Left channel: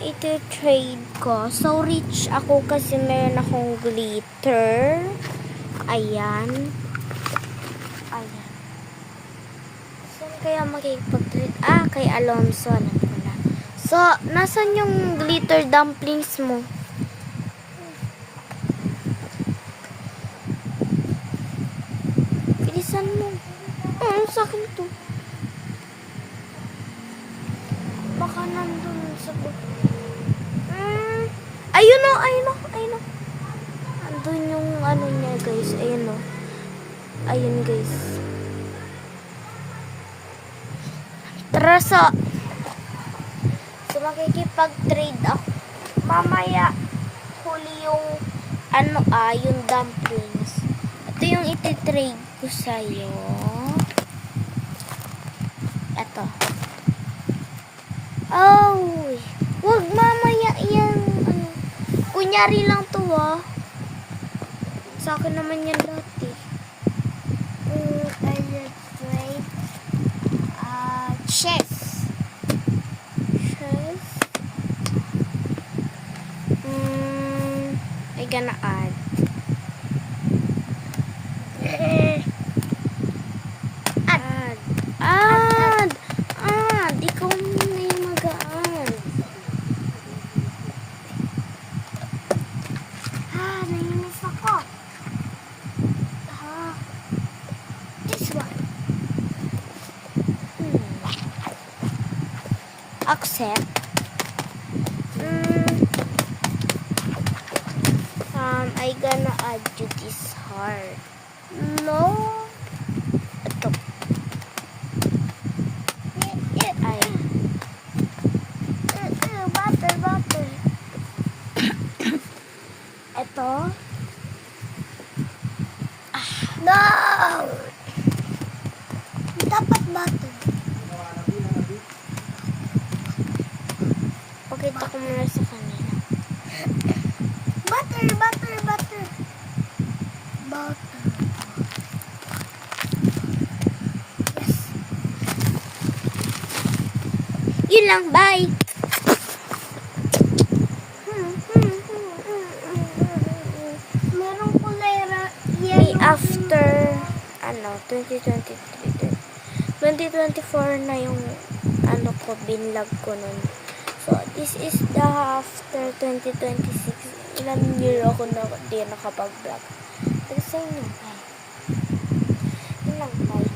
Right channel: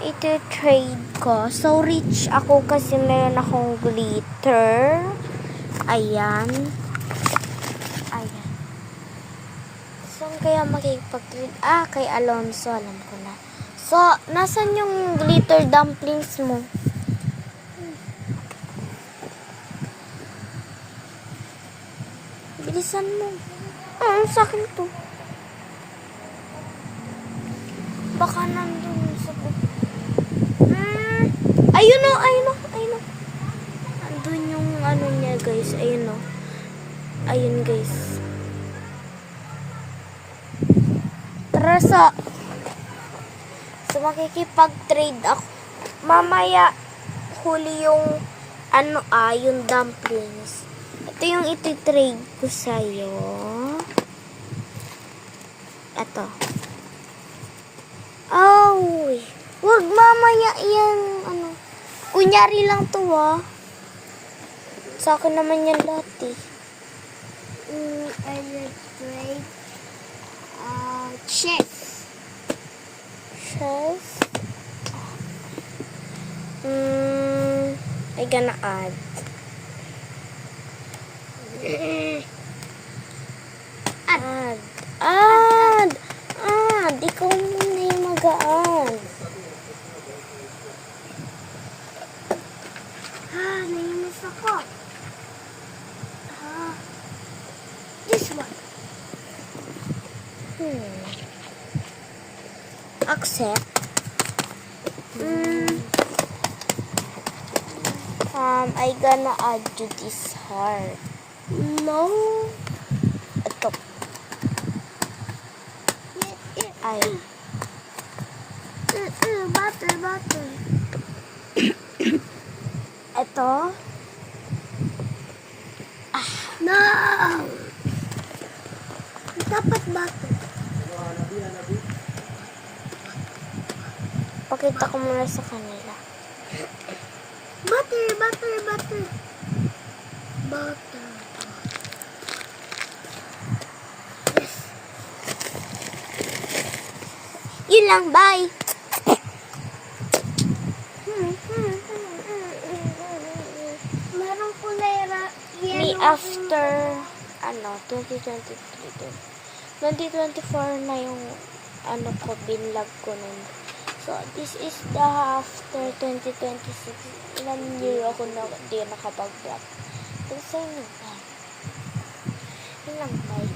iti-trade ko. So, rich ako kasi meron akong glitter. Ayan. Ayan. Saan kaya makikipag-trade? Kay Alonso. Alam ko na. So, nasan yung glitter dumplings mo? Bilisan mo. Sa akin to. Baka nandun sa ayun o. Andun yung ano niya, guys. Ayun o. Ayun, guys. Tara sa makikipag-trade ako. Mamaya huli yung yung dumplings. Ito yung iti-trade ko sa'yo. Ito. Wag mamaya yan. Kunyari lang to sa akin naman yan dati. Chess. I gonna add. Ikaw muna yung mag-add. Nainis ako. This one. Accept. I gonna add you this heart. No. Ito. Butter. Ito. No. Dapat butter. Pakita ko muna sa kanila. Butter. Yes. Yun lang, bye. Marong kulera. After 2023. 2024 na yung binlog ko nun. So, this is the after 2026. Ilang year ako na di nakapag-vlog. Pero sa inyo, yun lang, bye.